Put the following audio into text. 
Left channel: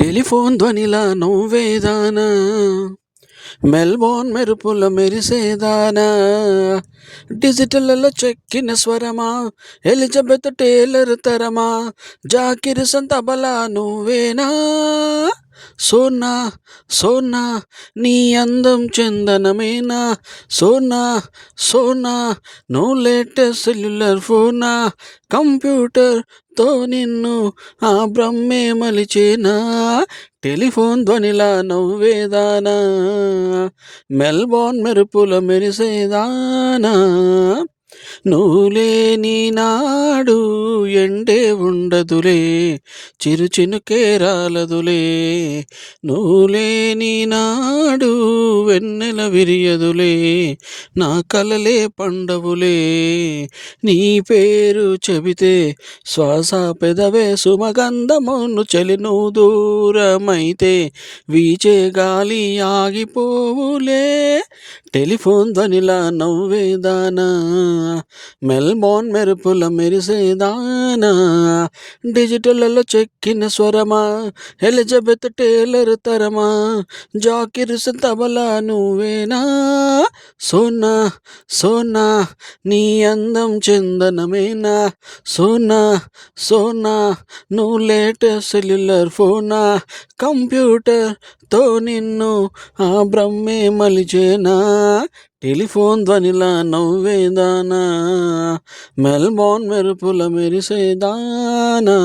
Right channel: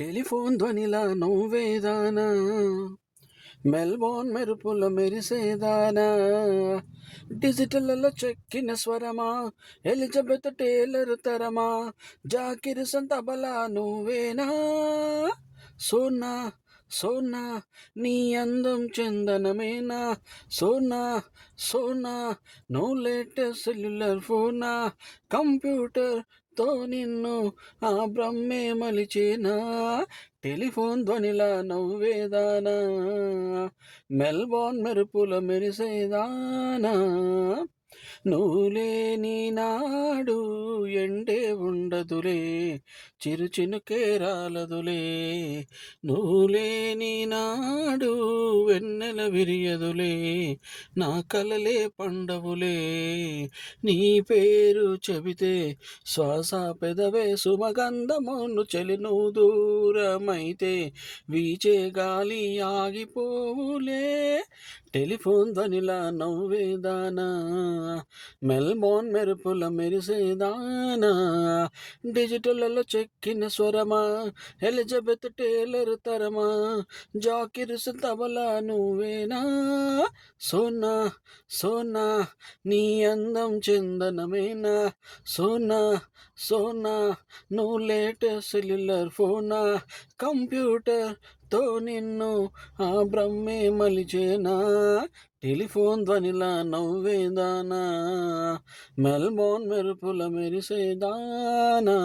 Telephone ధ్వనిలా నువ్వేదానా, Melbourne మెరుపుల మెరిసేదానా, డిజిటల్లో చెక్కిన స్వరమా, Elizabeth Taylor తరమా, జాకిర్ తబలా నువ్వేనా, సోనా సోనా నీ అందం చందనమేనా, సోనా సోనా నువ్వు లేటెస్ట్ సెల్యులర్ ఫోనా, కంప్యూటర్తో నిన్ను ఆ బ్రహ్మే మలిచేనా, టెలిఫోన్ ధ్వనిలా నవ్వేదానా, మెల్బోర్న్ మెరుపుల మెరిసేదానా, నువ్వు లేని నాడు ఎండే ఉండదులే, చిరు చినుకే రాలదులే, నువ్వు లేని నాడు వెన్నెల విరియదులే, నా కలలే పండవులే, నీ పేరు చెబితే శ్వాస పెదవే సుమగంధమును చలి నువ్వు దూరమైతే వీచే గాలి ఆగిపోవులే, టెలిఫోన్ ధ్వనిలా నవ్వేదానా, మెల్బోర్న్ మెరుపుల మెరిసేదానా, డిజిటల్లో చెక్కిన స్వరమా, ఎలిజబెత్ టేలర్ తరమా, జాకిర్ తబలా నువ్వేనా, సోనా సోనా నీ అందం చందనమేనా, సోనా సోనా నువ్వు లేటెస్ట్ సెల్యులర్ ఫోనా, కంప్యూటర్తో నిన్ను ఆ బ్రహ్మే మలిచేనా, టెలిఫోన్ ధ్వనిలా నవ్వేదానా, మెల్బోర్న్ మెరుపుల మెరిసేదానా.